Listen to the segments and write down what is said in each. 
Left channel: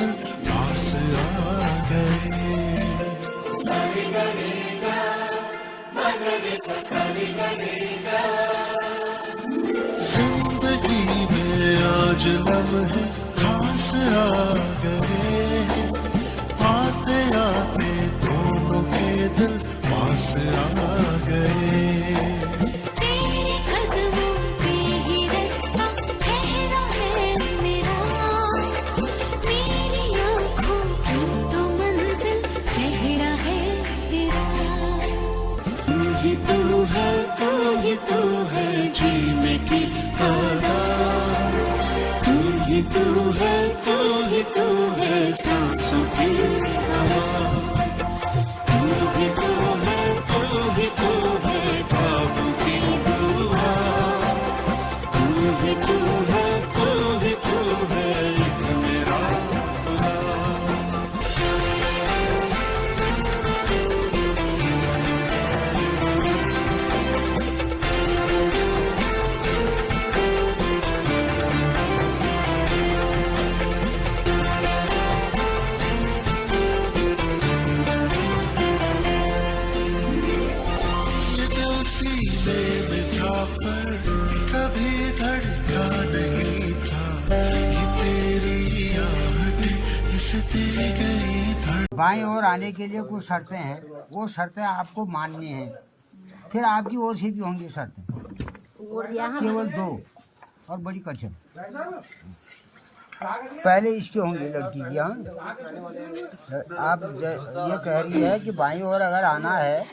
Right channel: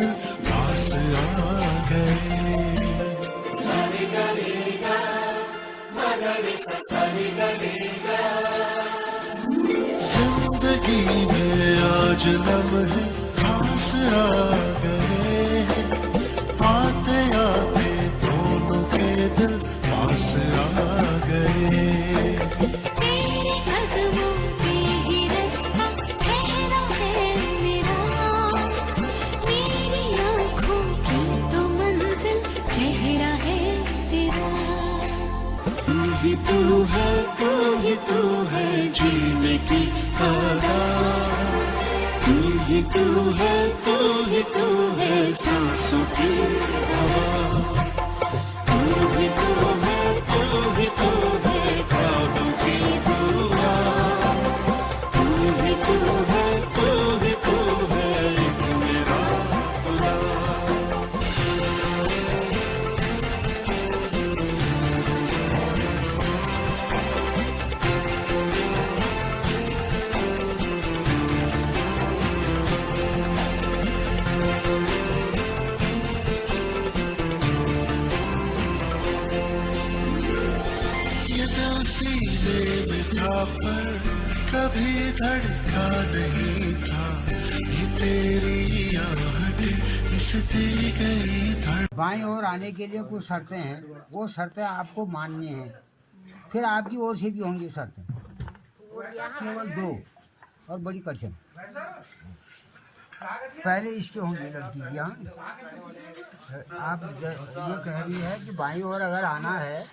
दिल पास आ गए। जिंदगी में आज लम्हे खास आ गए, आते आते दोनों के दिल पास आ गए। तेरे कदमों पे ही रास्ता ठहरा है मेरा, मेरी आँखों की तो मंजिल चेहरा है तेरा। तू ही तू है, तू ही तू है जीने की आदत, तू ही तू है, तू ही तू है सांसों की हवा, तू ही तू है, तू ही तू है ख्वाबों की दुआ, तू ही तू है, तू ही तू है एक मेरा खुदा। ये दिल सीने में था पर कभी धड़का नहीं था, ये तेरी आहट इस दी गई धड़। बाईं ओर आने के लिए कुछ शर्तें हैं, वो शर्तें आपको माननी हैं। फिर आपकी ओर से भी होंगी शर्तें, केवल 2 और बड़ी कठिन। पहले इसकी होंगी लड़की की। हाँ, आप ये कह रही है कि बाईं ओर अगर आना है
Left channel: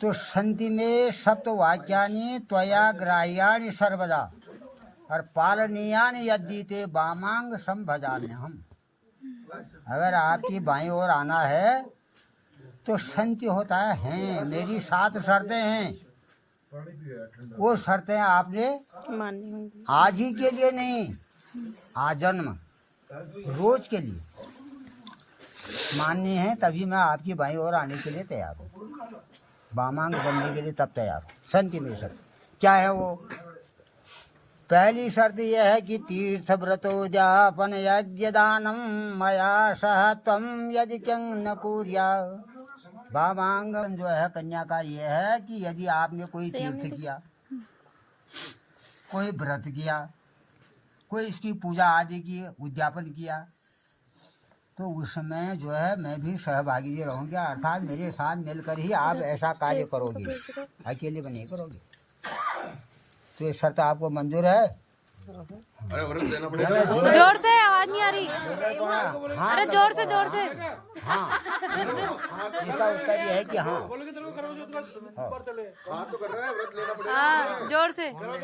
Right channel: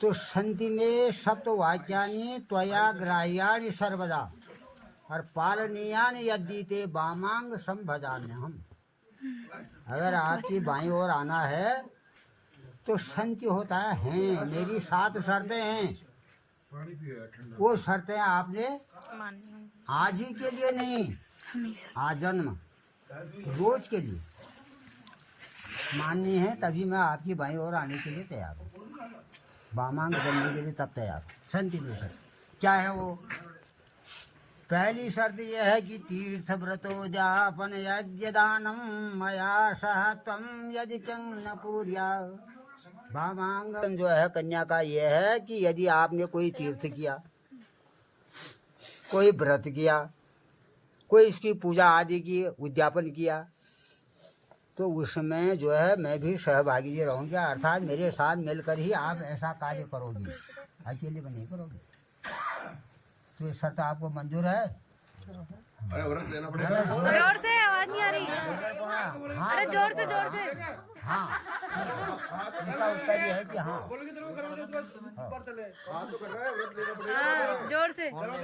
तो संति में सप्तवाक्यानि त्वया ग्राह्यानि सर्वदा और पालनीयानि यद्दीते वामांग संभजाम्यहम्। अगर आपकी बाईं ओर आना है तो संति होता है हैं, मेरी 7 शर्तें हैं। वो शर्तें आपने आज ही के लिए नहीं, आजन्म रोज के लिए माननी है, तभी मैं आपकी बाईं ओर आने के लिए तैयार हूँ, वामांग बनने के लिए तब तैयार हूँ। संति में शर्त क्या है वो? पहली शर्त यह है कि तीर्थ व्रतो जापन यज्ञ दानम मया सह त्वं यदि क्यं न कुर्या। वामांग जो है कन्या का यह है कि यदि आपने कोई तीर्थ किया, कोई व्रत किया, कोई इसकी पूजा आदि की उद्यापन किया, तो उसमें जो है मैं भी सहभागी रहूँगी, अर्थात मेरे साथ मिलकर ही आप ऐसा कार्य करोगी, अकेले में नहीं करोगी। तो ये शर्त आपको मंजूर है? जोर से, आवाज नहीं आ रही। हाँ, अरे जोर से जोर से। हाँ, इसका उत्तर ये है कि हाँ। हाँ जोर से। और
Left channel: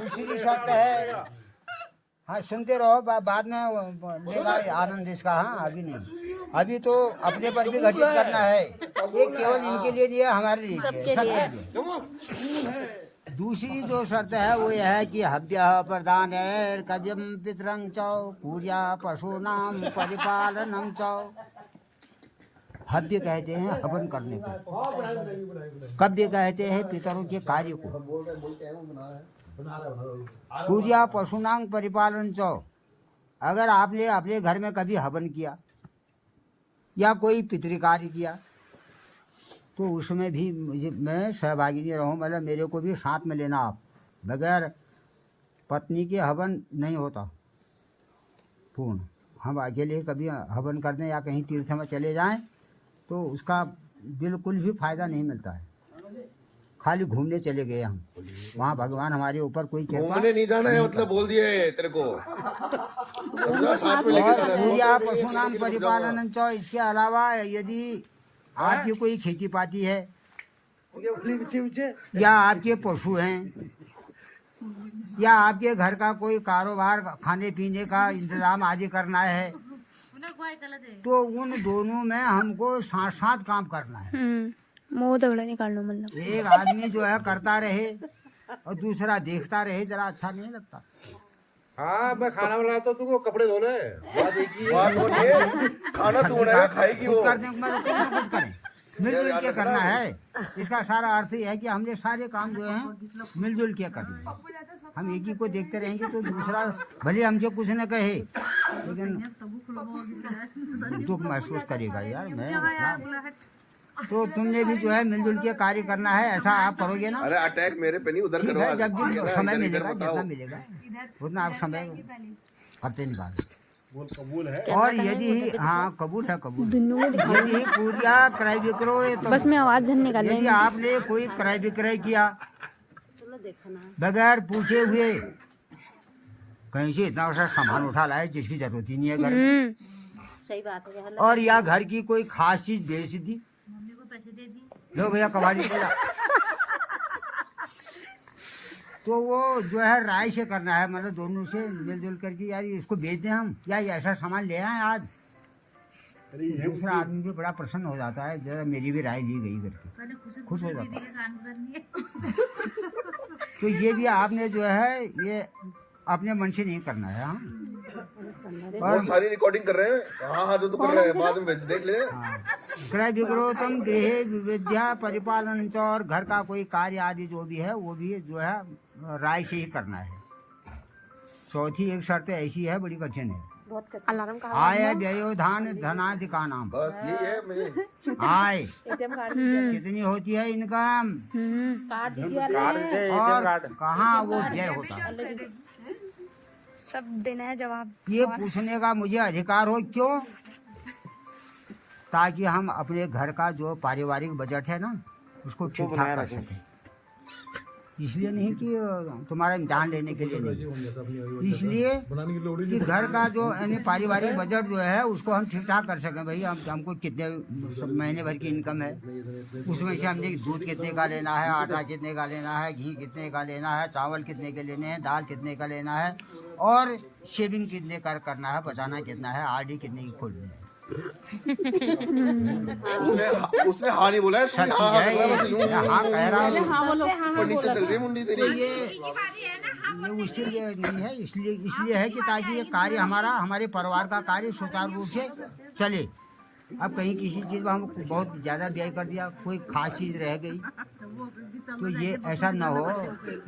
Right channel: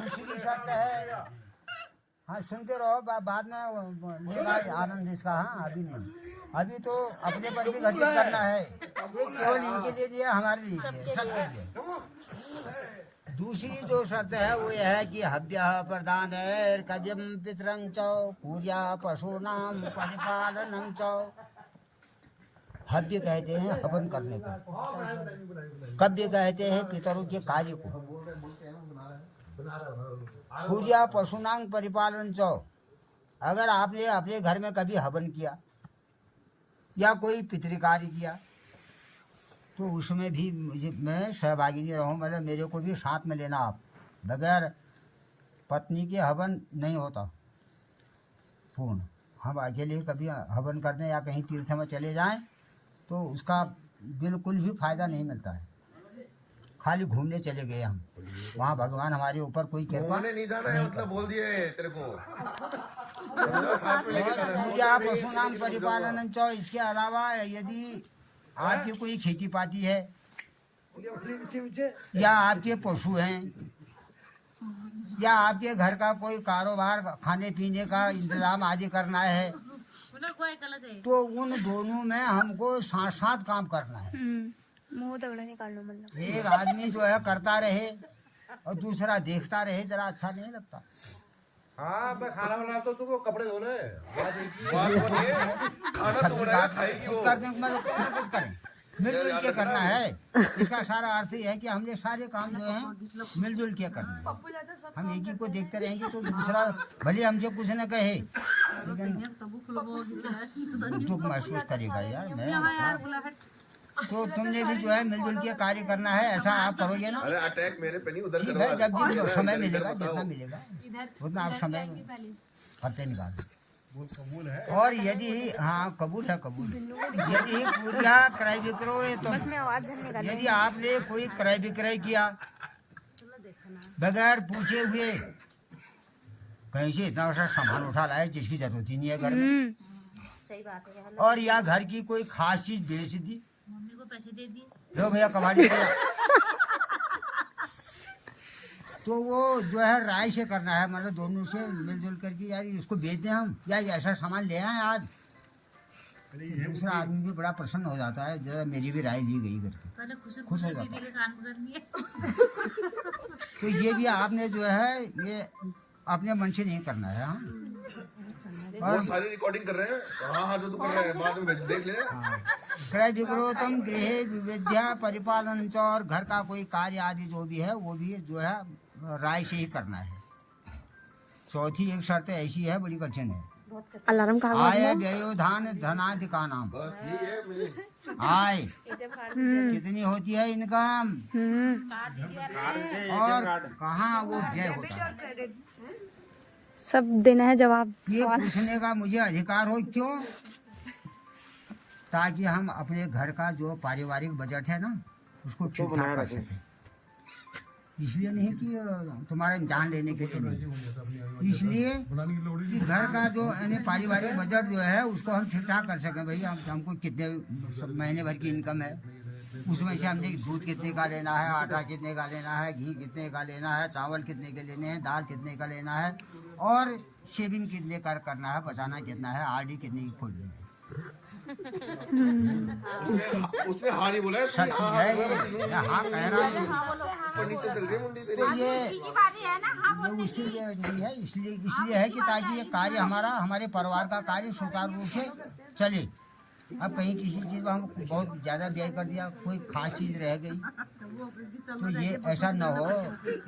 दूसरी शर्त है, हाँ सुनते रहो, बाद में लेना आनंद इसका। हाँ अभी नहीं, अभी तो अपने पर भी घटित करना है, ये केवल इनके लिए नहीं है, हमारे लिए सबके लिए। दूसरी जो शर्त है वो यह है कि हव्य प्रदान कव्यम पितरं च पूजा पशूनाम परिपालनम च। हव्य कहते हैं हवन करने को, कव्य कहते हैं पितरों के कार्य को। पूजा पशुनांग परिपालन चो, अगर आपने अपने घर में कभी हवन किया या कोई पितृकार्य किया तो उसमें भी मैं सहभागी नहीं रहूँ, मतलब मेरे को भी साथ में लेना। आप बगैर पत्नी के हवन नहीं होता पूर्ण। हम अकेले कभी हवन करने या कहीं तीर्थ में चले जाएं तो उसका बिल्कुल भी फायदा नहीं मिलता है। खाली घूमने चले गए हम, वहाँ भगवान हमारे ऊपर कोई कृपा नहीं जाना है, मतलब बोल दिए तेरे को। और पूजा पशुनाम परिपालन चो, इसके अलावा यदि आपकी कोई खेती पाती है या आपके पशु हैं या आपके घर का कोई कारोबार, खाने पीने का इंतजाम आदि करना है, तो उन दोनों में हमको साथ साथ काम करना है। मुंह दगड़ा निकालना, मतलब एक आदमी जो है करता रहे और दूसरा देखता रहे, जरा अच्छा नहीं लगता। हाँ मैं खाना बनाया तो तुमको कपड़े धोने खाना तो खाएगी कुछ करने को मतलब कुछ ना कुछ करें। मिलजुल के करना है। इसका सारा अर्थ ये है कि हमने सारे काम जो है मिलजुल के करना है। हम एक ही को देखते रहेंगे तो दूसरा भले हमसे कुछ न कहे लेकिन दुख महसूस करेगा यार। मैं तो तुमने भी जो है मिलजुल के कार्य करना है, ऐसा आप करोगे ना? अरे अटैक मेरे पे नहीं, उधर ठीक करो। है, जब भी समय मिलेगा जितना मिलेगा उतना आप समय करते निकाल। और यदि हाँ कबूल है, कबूल। यदि पूरिया क्रय विक्रय तो बस में आवाज झन निकाल यदि आपने कोई क्रय विक्रय किया बगैर पूछे हुए, कहीं से इतना सा सामान उठा लाए जिसकी जरूरत ही नहीं है घर में, सही बात है। और या घर की कोई खास चीज बेच दी, मम्मी को पैसे दे दिए, लो भैया कबाड़ी पे तो वो जो है राय से करना है, मतलब दोनों से मिलजुल करके यार इसको बेच दें हम या ये ऐसा सामान ले आए आज। दूसरा आदमी भी बड़ा प्रसन्न हो जाता है, जरा मेरी भी राय ली गई करके पहले खुश हो बीबी जाता है। के कान पकड़नी है। तो ये भी आपने जो है ये अपने मन से नहीं करना है। हाँ और सारी रिकॉर्डिंग कर रहे हैं। हाँ हाँ जो तू कर रहे हैं बाद में देख ले। क्रय विक्रोतम गृह विद्या परिपालन च, और घर का कोई कार्य आदि जो भी है वो भी जो है राय से ही करना है। चौथी एक शर्त ऐसी है बड़ी कठिन है, अलार्म का आय व्ययोधान धनादि का नाम। बस यही है मेरी। आय कितनी होती है इनकम और कहाँ वो व्यय होता है, सब देना है जवाब। ये पूछने का मुझे अधिकार हो। क्यों? ताकि हम अपने घर का जो पारिवारिक बजट है ना उसको ठीक ठाक कर सकें। इसलिए नहीं कि तुम्हारा इम्तिहान लेने के लिए नहीं, इसलिए कि घर का जो यानी पारिवारिक बजट जो है उसको हम ठीक ठाक कर सकें। भाई हमको कितने महीने भर की इनकम है, उसमें से हमने दूध कितने का लेना है, आटा कितने का लेना है, घी कितने का लेना है, चावल कितने के लेने हैं, दाल कितने का लेना है, और शेविंग कितने का करना है, बचाना कितना है, आरडी कितनी की खोलनी है। उसने हाँ नहीं बोला है। सब चीज है ये। हाँ कह रहा है नीचे चल रही मुंडी तेरी। ये इसीलिए नहीं है, इसलिए है कि ताकि ये कार्य हमारा हमारे परिवार का कार्य सुचारू रूप से चले। अब कहीं किसी चीज में हम बहुत ज्यादा व्यय कर दिया, कोई खास चीज रह गई तो ये ऐसा न हो,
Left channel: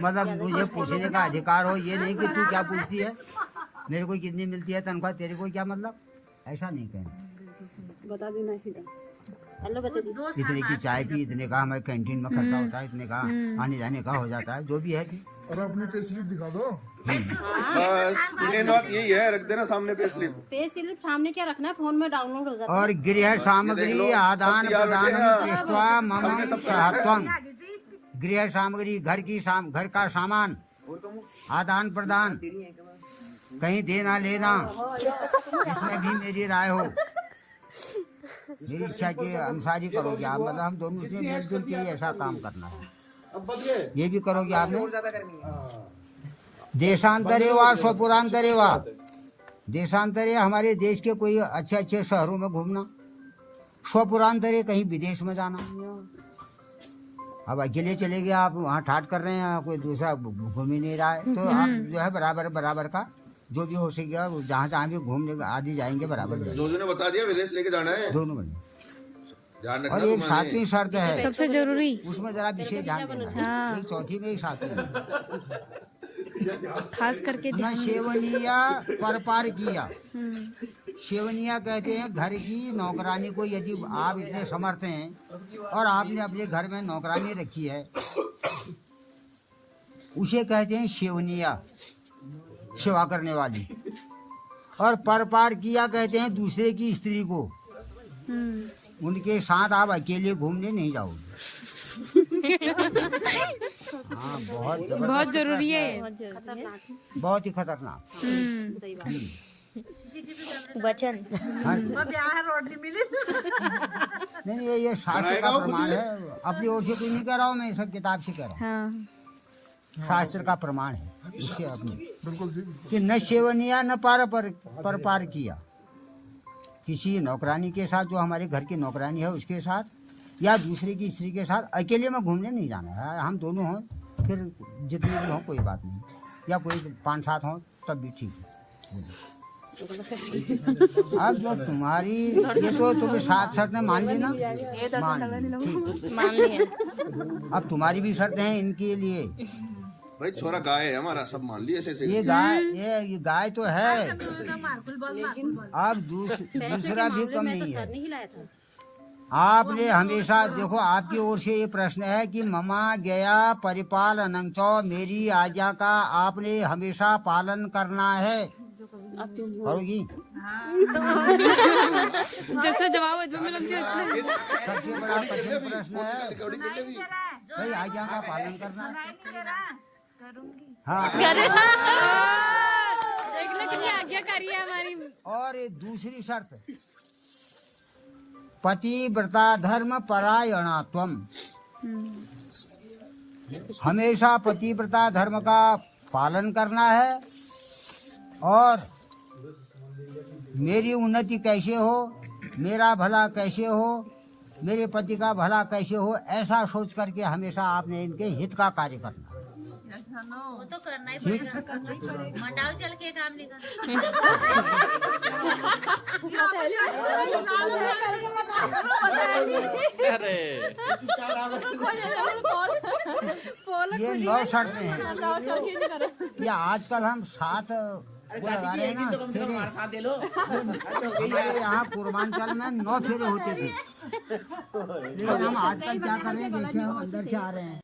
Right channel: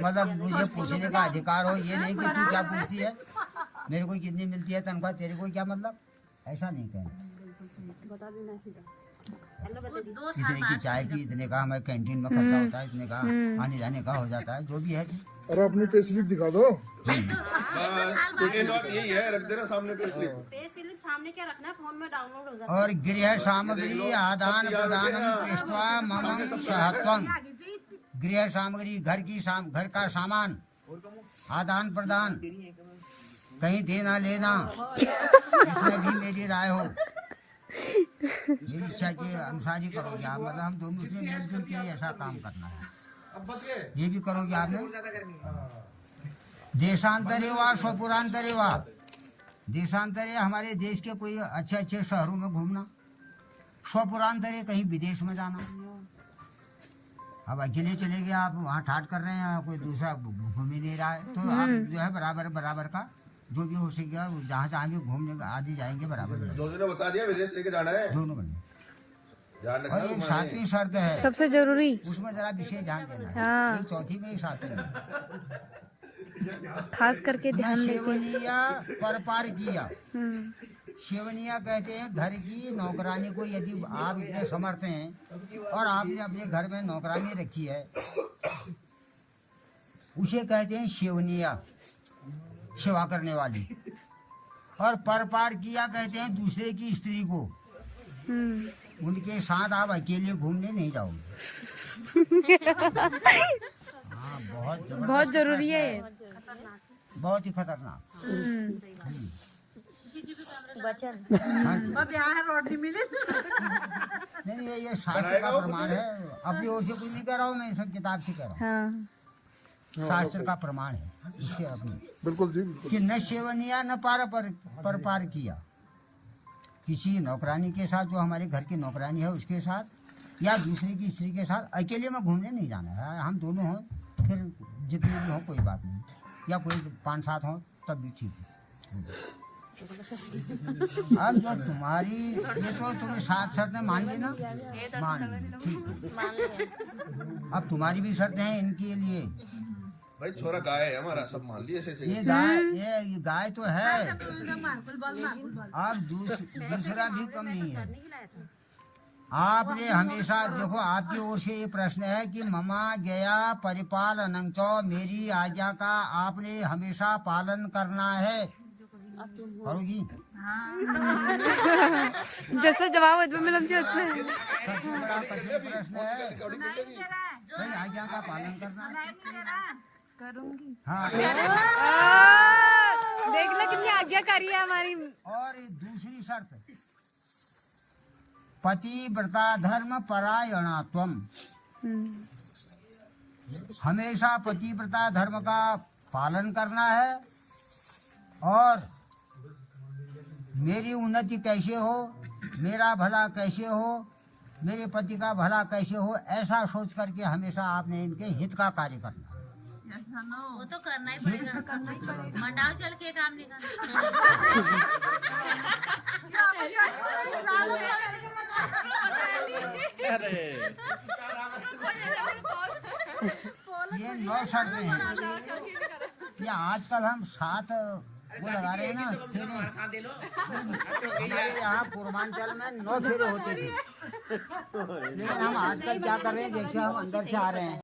मतलब मुझे पूछने का अधिकार हो। ये नहीं कि तू क्या पूछती है, मेरे को कितनी मिलती है तनख्वाह, तेरे को क्या मतलब, ऐसा नहीं कहना। इतने की चाय की, इतने का हमारे कैंटीन में खर्चा होता है, इतने का आने जाने का हो जाता है, जो भी है। अरे अपनी पे स्लिप दिखा दो। यही है, रख देना सामने पे स्लिप। पे स्लिप सामने क्या रखना है, फोन में डाउनलोड हो जाता और गृह सामग्री आदान प्रदान दृष्ट्वा मम सहत्वं। गृह सामग्री घर का सामान आदान प्रदान, कहीं देना लेना, इसमें भी मेरी राय हो, मेरी इच्छा के अनुसार ही करोगे आप। मतलब हम दोनों से मिलजुल के ही ऐसा काम करना है। ये भी करोगे आपने। देशांतरे व स्वपुरांतरे व, देशांतरे हमारे देश के कोई अच्छे अच्छे शहरों में घूमना, स्वपुरांतरे कहीं विदेश में जाना। अब अकेले चले गए आप, वहाँ ठाट कर रहे हैं, कोई दूसरा घूम ही नहीं रहा है, तो आप जो है बराबर का जो भी हो सकेगा जहाँ जहाँ भी घूमने आदि जाएंगे बराबर जाएंगे। जो ने बता दिया विदेश लेके जाना है दोनों बने। ध्यान और एक सातवीं शर्त है सबसे जरूरी, उसमें जरा विशेष ध्यान देना है। हाँ। एक चौथी में एक सातवीं में। खास करके ध्यान दें। सेवनिया परपार किया। सेवनिया कहते हैं घर की नौकरानी को, यदि आप इतने समर्थ हैं और आपने अपने घर में नौकरानी रखी है, उसे कहते हैं सेवनिया, सेवा करने वाली। और परपार किया कहते हैं दूसरे की स्त्री को, उनके साथ आप अकेले घूमने नहीं जाओगे। हाँ बहुत जरूरी है ये। बहुत ही खतरनाक। वचन नहीं ये शास्त्र का प्रमाण है, अपनी ओर से कोई नहीं कह रहा हूँ मैं, सब किताब से कह रहा हूँ। हाँ। शास्त्र का प्रमाण है इससे अपनी, बिल्कुल जी। कि न सेवनिया न परपार किया। किसी नौकरानी के साथ, जो हमारे घर की नौकरानी है उसके साथ, या दूसरे की स्त्री के साथ अकेले में घूमने नहीं जाना है। हम दोनों हों, फिर जितने भी हों कोई बात नहीं, या कोई 5-7 हों तब भी ठीक है। अब जो तुम्हारी ये तो तुम्हें 7 शर्तें मान ली ना, मान ली, ठीक। मान लिया। अब तुम्हारी भी शर्तें हैं इनके लिए। भाई छोरा गाय है हमारा, सब मान लिए ऐसे ये गाय तो है। अब दूसरा भी कम नहीं है। आपने हमेशा देखो, आपकी ओर से ये प्रश्न है कि ममा गया परिपाल अनंतो, मेरी आज्ञा का आपने हमेशा पालन करना है, करोगी? जैसा जवाब होता मिलम जी उससे सबसे बड़ा कठिन प्रश्न है भाई, आज्ञा का पालन करना। हाँ, देख लो कितनी आज्ञाकारी है हमारी। और ये दूसरी शर्त, पतिव्रता धर्म परायणात्वम, हमेशा पतिव्रता धर्म का पालन करना है। और मेरी उन्नति कैसे हो, मेरा भला कैसे हो, मेरे पति का भला कैसे हो, ऐसा सोच करके हमेशा आपने इनके हित का कार्य करना है। वो तो करना ही पड़ेगा, मंडाव चल के काम नहीं करना। ये 9 शर्तें हैं। ये आजकल हम 7 वो लगा रहे हैं ना फेरे, हमारे यहाँ पूर्वांचल में 9 फेरे होते थे, लेकिन हम आजकल क्या कर रहे हैं, जैसे हम अंदर से आ रहे हैं